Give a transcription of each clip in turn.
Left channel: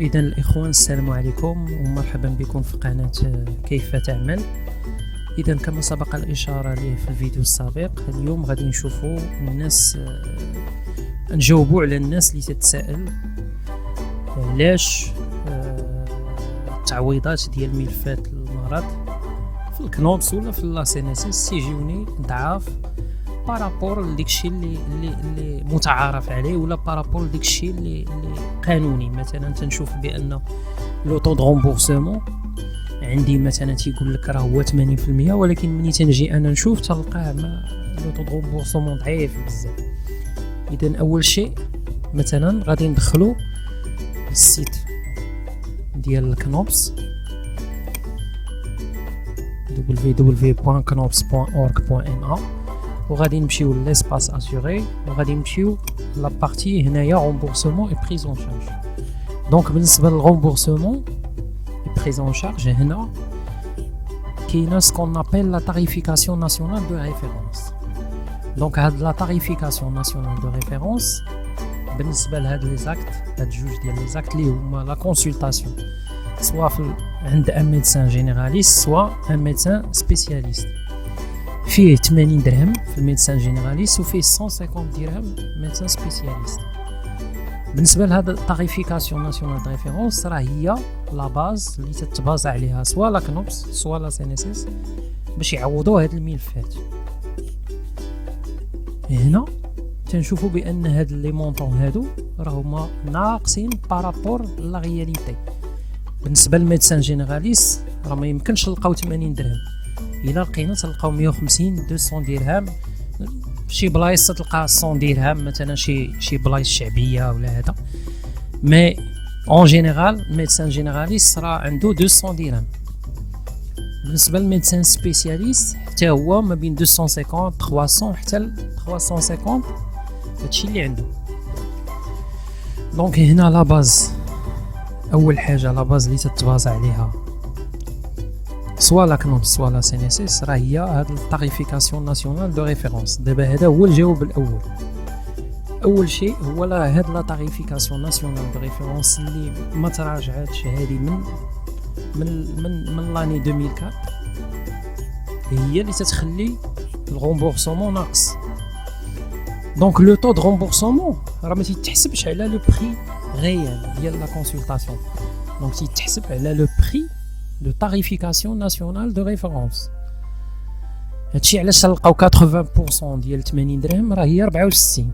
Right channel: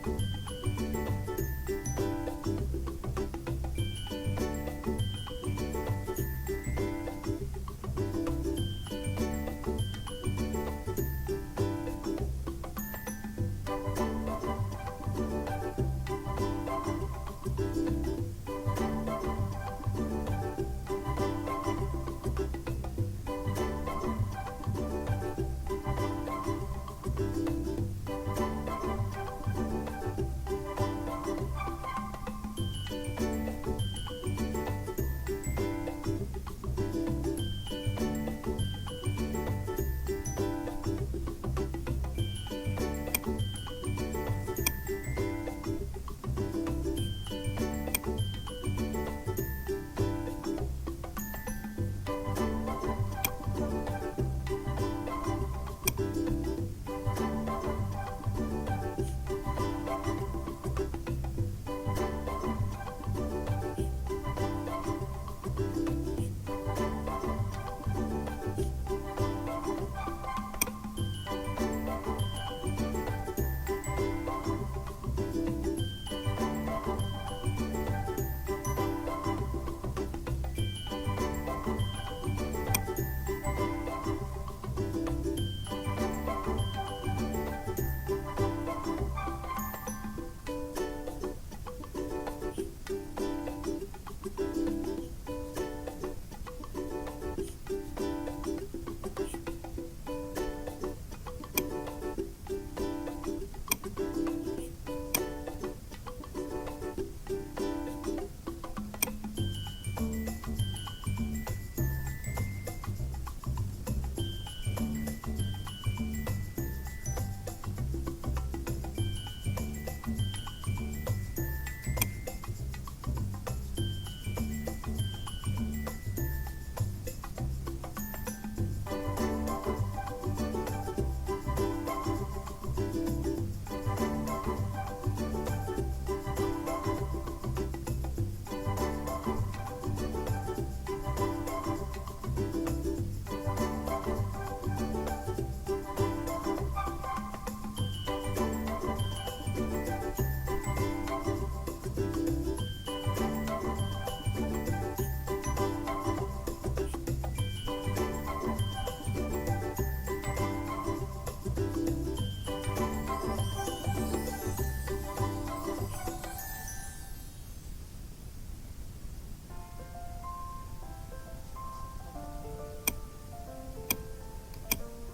إذا الإخوان السلام عليكم ومرحبا بكم في قناة كيف تعمل. إذا كما سبق الإشارة لي في الفيديو السابق، اليوم غادي نشوفوا الناس نجاوبوا على الناس اللي تتساءل علاش التعويضات ديال ملفات المرض في الكنوبس ولا في لاسينيسيس تيجيوني ضعاف بارابور لداكشي اللي متعارف عليه ولا بارابور لداكشي اللي قانوني. مثلا تنشوف بان لو طو دو رومبورسمون عندي مثلا تيقول لك راه هو 80%، ولكن ملي تنجي انا نشوف تلقاه لو طو دو رومبورسمون ضعيف بزاف. اذا اول شيء مثلا غادي ندخلو السيت ديال الكنوبس www.knops.org.ma وغادي نمشيو للاسباس اسيوري وغادي نمشيو لا بارتي هنايا رومبورسمون اي بريز اون شارج. دونك بالنسبه للرومبورسمون اي بريز اون شارج هنا كاينه سكون ابل لا تاريفيكاسيون ناسيونال دو ريفيرونس. دونك هاد لا تاريفيكاسيون ناسيونال دو ريفيرونس بالنسبه لهاد لي زاكت، هاد جوج ديال لي زاكت اللي هما لا كونسلطاسيون سوا عند ان ميدسان جينيراليست سوا ان ميدسان سبيسياليست، فيه 80 درهم في الميدسان جينيراليست وفيه 150 درهم ميدسان سبيسياليست. بالنسبه لهذا التاريفيكاسيون ناسيونال دو ريفيرونس راه هي لا باز اللي تتبازا عليها سوا لا كنوبس سوا لا سينيسيس باش يعوضوا هاد الملفات. هنا تنشوفوا بان هاد لي مونطون هادو راهما ناقصين بارابور لا رياليتي. بالنسبه للميدسان جينيراليست راه ما يمكنش نلقاو 80 درهم، الا لقينا تلقاو 150 200 درهم، شي بلايص تلقى 100 درهم مثلا شي بلايص شعبيه ولا هذا. مي اون جينيرال ميدسان جينيراليست راه عنده 200 درهم. بالنسبه للميدسان سبيسياليست حتى هو ما بين 250 300 حتى ل 350، هادشي اللي عنده. دونك هنا لا باز، اول حاجه لا باز اللي تتبازا عليها سوا لا كنوبس سوا لا سينيسيس راه هي هاد التاريفيكاسيون ناسيونال دو ريفيرونس. دابا هذا هو الجواب الاول. اول شيء هو لا هاد لا تاريفيكاسيون ناسيونال دو ريفيرونس اللي ما تراجعاتش هذه من لاني 2004 هي اللي تتخلي الغومبورسمون ناقص. دونك لو طو دو رومبورسمون راه ما تيتحسبش على لو بري ريال ديال لا كونسلطاسيون، دونك تيتحسب على لو بري de tarification nationale de référence. هادشي علاش تلقاو 80% ديال 80 درهم راه هي 64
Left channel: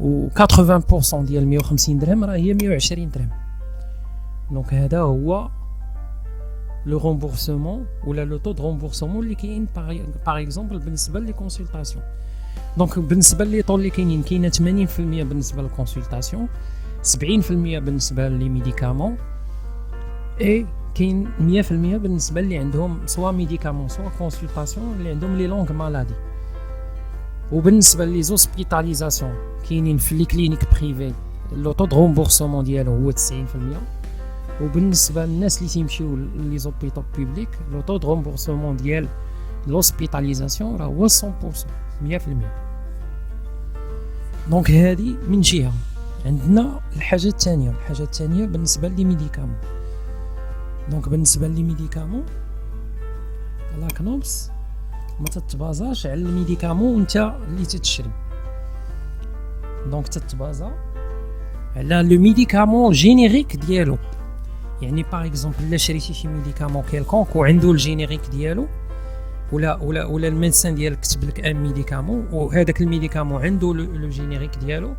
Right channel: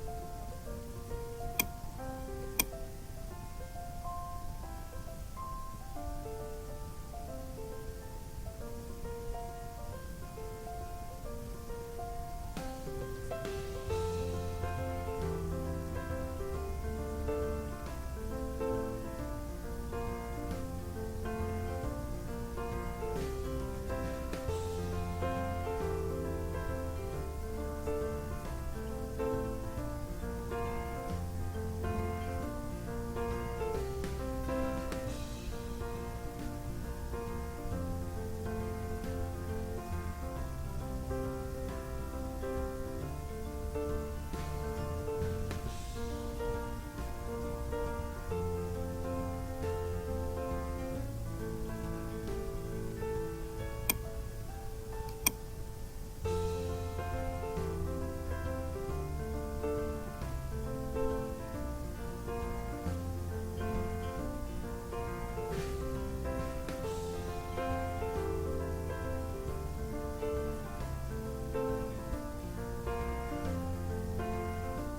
و 80% ديال 150 درهم راه هي 120 درهم. دونك هذا هو لو رومبورسمون ولا لو طو دو رومبورسمون اللي كاين باغ اكزومبل بالنسبه لي كونسلطاسيون. دونك بالنسبه لي طو اللي كاينين كاينه 80% بالنسبه للكونسلطاسيون، 70% بالنسبه لي ميديكامون، اي كاين 100% بالنسبه اللي عندهم سوا ميديكامون سوا كونسلطاسيون اللي عندهم لي لونغ مالادي. وبالنسبه لي زوسبيتاليزاسيون كاينين في لي كلينيك بريفي لو طو دو رومبورسمون ديالو هو 90%، وبالنسبه للناس اللي تيمشيو لي زوبيطو بوبليك لو طو دو رومبورسمون ديال لوسبيتاليزاسيون راه هو 100%. دونك هذه من جهه. عندنا الحاجه الثانيه بالنسبه لي ميديكامون. دونك بالنسبه لي ميديكامون لا كنوبس ما تتبازاش على الميديكامون انت اللي تتشري، دونك تتبازا على لو ميديكامون جينيريك ديالو. يعني باغ اكزومبل الا شريتي شي ميديكامون كيلكونك وعنده الجينيريك ديالو ولا الميدسان ديالك كتب لك ان ميديكامون وهذاك الميديكامون عنده لو جينيريك ديالو،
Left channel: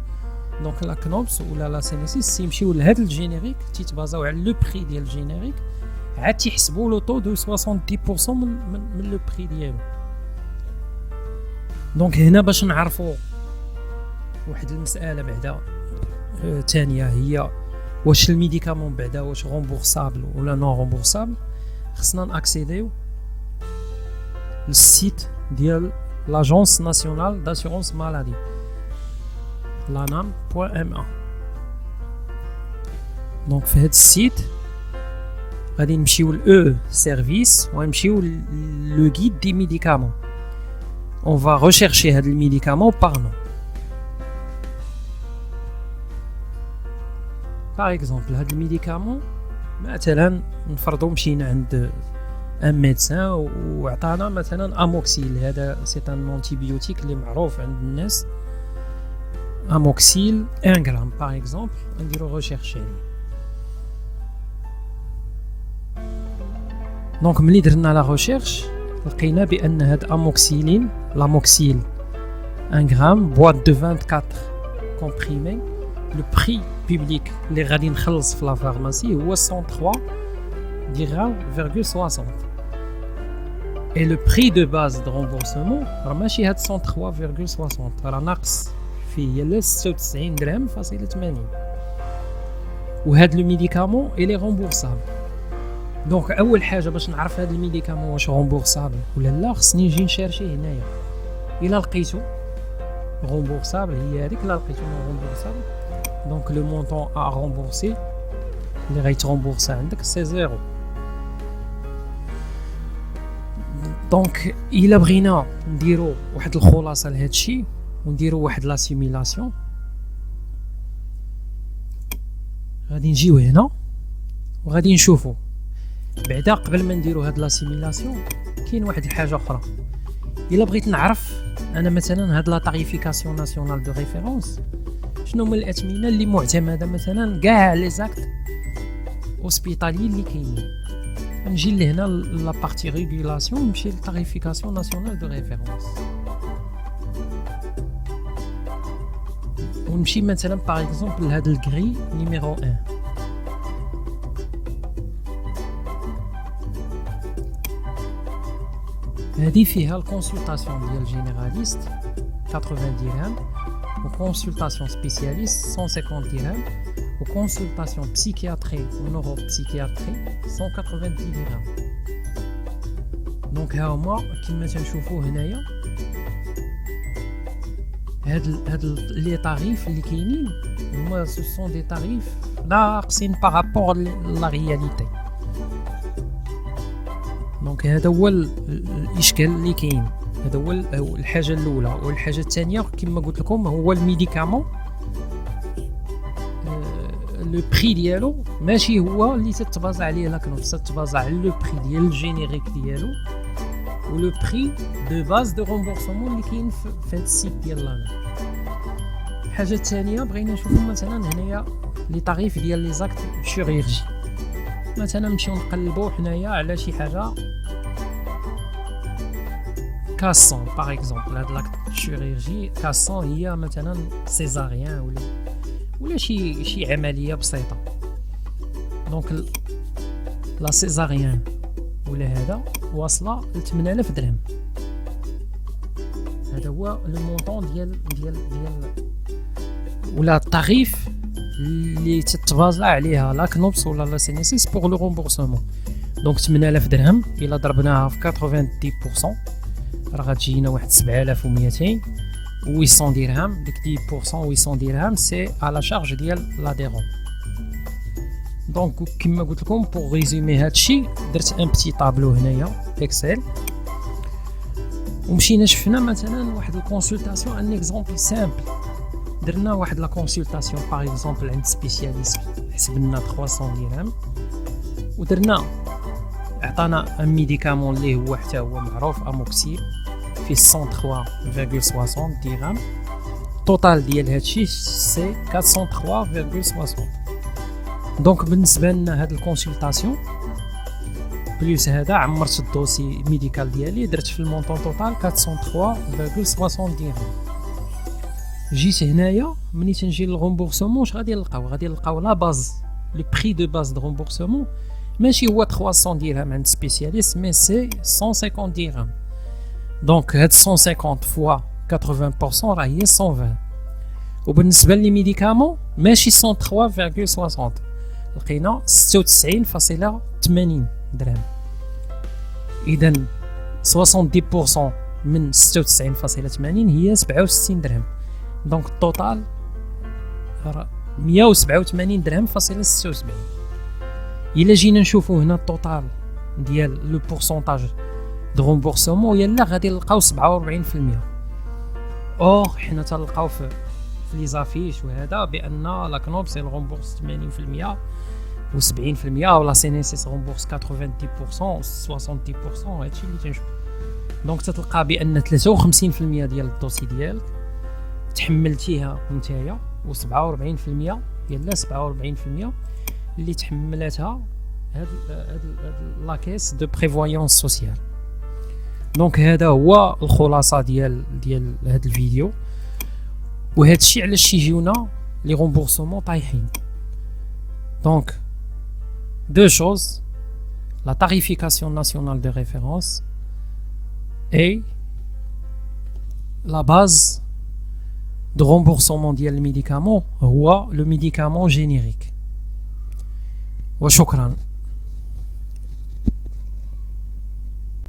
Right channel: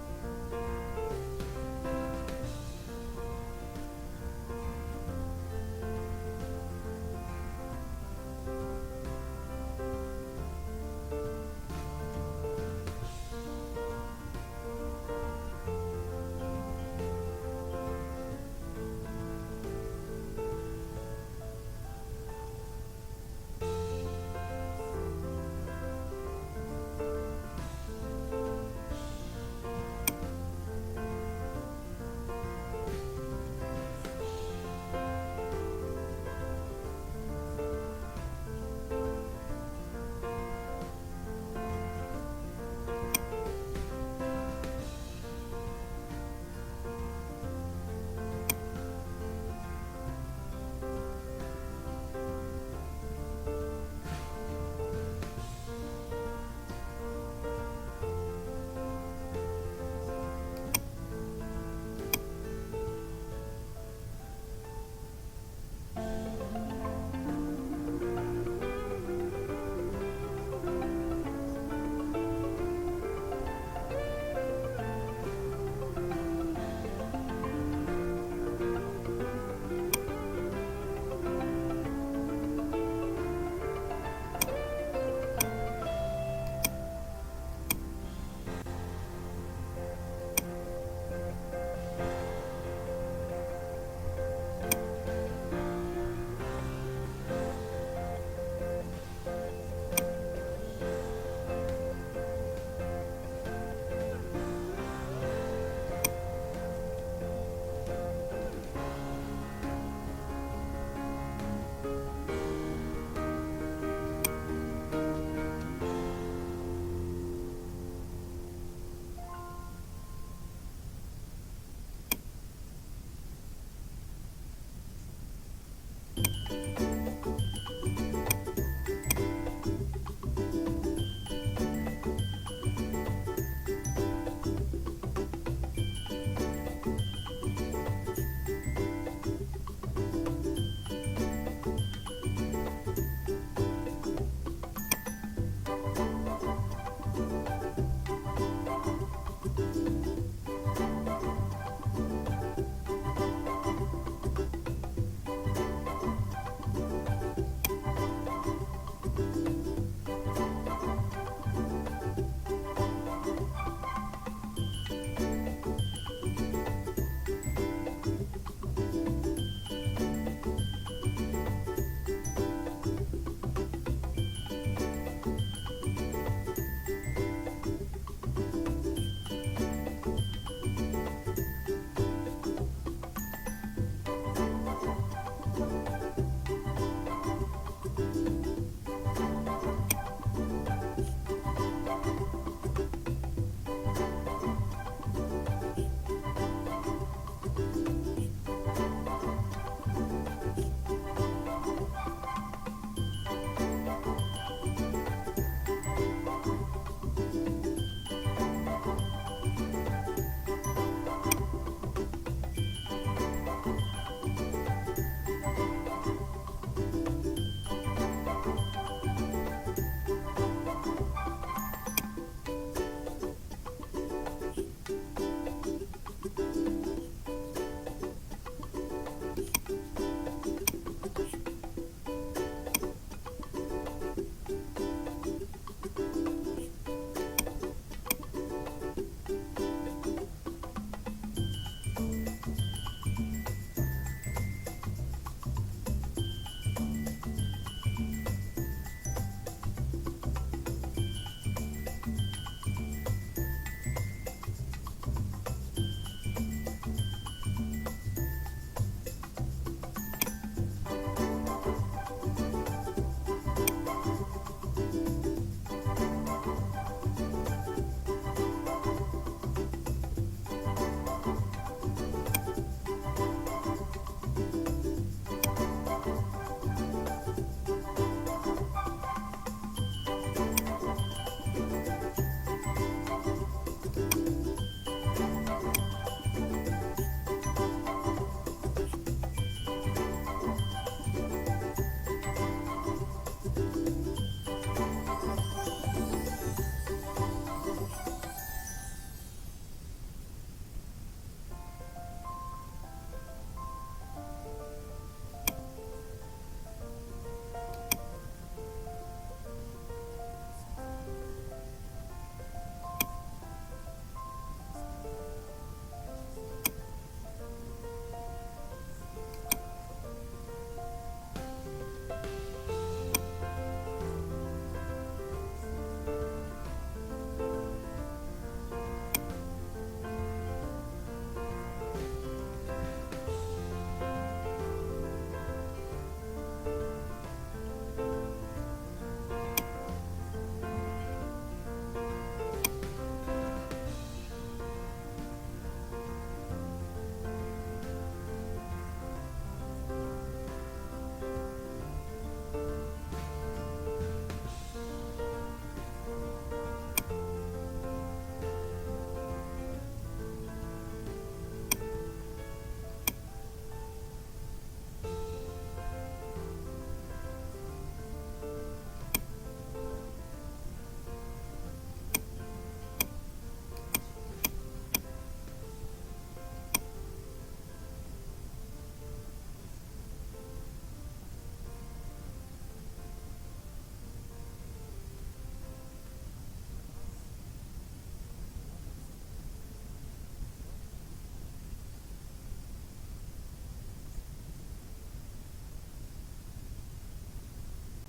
دونك لا كنوبس ولا لا سينيسيس يمشيو لهذا الجينيريك تيتبازاو على لو بري ديال الجينيريك، عاد تيحسبوا لو طو دو 70% من لو بري ديالو. دونك هنا باش نعرفوا واحد المساله بعدا ثانيه هي واش الميديكامون بعدا واش رومبورسابل ولا نون رومبورسابل. خصنا ناكسيديو للسيت ديال لاجونس ناسيونال داسيورونس مالادي lanam.ma. دونك في هذا السيت غادي نمشيو ل سيرفيس ونمشيو لو غيد دي ميديكامون. On va rechercher هاد الميديكامون par nom. باغ اكزومبل هاد الميديكامون مثلا نفرضوا مشينا عند ان ميدسان وعطانا مثلا اموكسيل. هذا سي ان انتيبيوتيك اللي معروف عند الناس. اموكسيل 1 غرام باغ اكزومبل، نديرو ريشيرش عليه. دونك ملي درنا لا ريشيرش لقينا بان هاد اموكسيلين لاموكسيل 1 غرام بواط دو 24 كومبريمي، لو بري بوبليك اللي غادي نخلص في لا فارماسي هو 103 dirhams,60. Et le prix de base de remboursement راه ماشي هاد 103,60 راه ناقص فيه ل 96 درهم فاصلة 80. وهاد لو ميديكامون إلي رومبورسابل. دونك اول حاجه باش نعرف هاد الميديكامون واش رومبورسابل ولا لا خصني نجي نشارشيه هنايا. الا لقيتو رومبورسابل هي هذيك، لا لقيتو رومبورسابل دونك لو مونطون ا رومبورسي اللي غيترومبورسا عندك سي زيرو. دونك الا بغينا نديرو واحد الخلاصه لهاد الشيء ونديرو واحد لا سيميلاسيون، غادي نجيو هنا وغادي نشوفو بعدا قبل ما نديرو هاد لا سيميلاسيون كاين واحد الحاجه اخرى. الا بغيت نعرف انا مثلا هاد لا تاريفيكاسيون ناسيونال دو ريفيرونس شنو هما الاثمنه اللي معتمده مثلا كاع لي زاكت اوسبيطالي اللي كاينين، نجي لهنا لا بارتي ريغولاسيون نمشي للتاريفيكاسيون ناسيونال دو ريفيرونس ونمشي مثلا باغ اكزومبل لهاد الكري نيميرو 1. هذه فيها الكونسلطاسيون ديال جينيراليست 80 درهم، وكونسلطاسيون سبيسياليست 150 درهم، وكونسلطاسيون بسيكياتري ونورو بسيكياتري 190 درهم. دونك ها هما كما تنشوفوا هنايا هاد لي طاريف اللي كاينين هما سو سون دي طاريف ناقصين بارابور لا رياليتي. دونك هذا هو الاشكال اللي كاين. هذا هو الحاجه الاولى. والحاجه الثانيه كما قلت لكم هو الميديكامون لو بري ديالو ماشي هو اللي تتبازا عليه لكن تتبازا على لو بري ديال الجينيريك ديالو ولو بري دو باز دو رومبورسمون اللي كاين في هذا السيت ديال لانا. الحاجه الثانيه بغينا نشوفوا مثلا هنايا لي طاريف ديال لي زاكت شيرورجي. مثلا نمشيو نقلبوا حنايا على شي حاجه 400 باغ اكزومبل. هاد لاكت شيرورجي 400 هي مثلا سيزاريان ولا شي عمليه بسيطه. دونك لا سيزاريان ولا هذا واصله ل 8000 درهم. هذا هو لو مونطون ديال ولا التاريف اللي تتبازا عليها لا كنوبس ولا لا سينيسيس بوغ لو رومبورسمون. دونك 8000 درهم الا ضربناها في 90% راه غتجينا واحد 7200 و 800 درهم. ديك 10% و 800 درهم سي على شارج ديال لاديرون. دونك كما قلت لكم بوغ ريزومي هادشي درت ان بتي طابلو هنايا اكسل ومشينا شفنا مثلا واحد الكونسلطاسيون ان اكزومبل سامبل. درنا واحد لا كونسلطاسيون باغ اكزومبل عند سبيسياليست حسبنا 300 درهم ودرنا عطانا ان ميديكامون اللي هو حتى هو معروف اموكسيل في 103,60 درهم. التوتال ديال هادشي سي 403,60. دونك بالنسبه لنا هاد الكونسلطاسيون بلوس هذا عمرت الدوسي ميديكال ديالي درت في المونطون توتال 403,60 درهم. جيت هنايا ملي تنجي للغومبورسمون اش غادي نلقاو لا باز لو بري دو باز دو غومبورسمون ماشي هو 300 درهم عند سبيسياليست مي سي 150 درهم. دونك هاد 150 فوا 80% راه هي 120. وبالنسبه لي ميديكامون ماشي 103,60 لقينا 96.80 درهم. اذا 70% من 96.80 هي 67 درهم. دونك التوتال 187 درهم فاصلة 76. الا جينا نشوفوا هنا التوتال ديال لو بورسونتاج دو رومبورسمون يلا غادي نلقاو 47%. اور حنا تلقاو في لي زافيش وهذا بان لا كنوب سي غومبورس 80% و 70% ولا سي نيسيس غومبورس 90% 60% هادشي اللي تنشوف. دونك تتلقى بان 53% ديال الدوسي ديالك تحملتيها نتايا و 47% ديال 47% اللي تحملتها هاد لا كيس دو بريفويونس سوسيال. دونك هذا هو الخلاصه ديال هذا الفيديو. وهذا الشيء علاش يجيونا لي رومبورسمون طايحين. دونك دو شوز، لا tarification nationale de référence et la base de remboursement ديال الميديكامون هو لو ميديكامون جينيريك. وشكرا.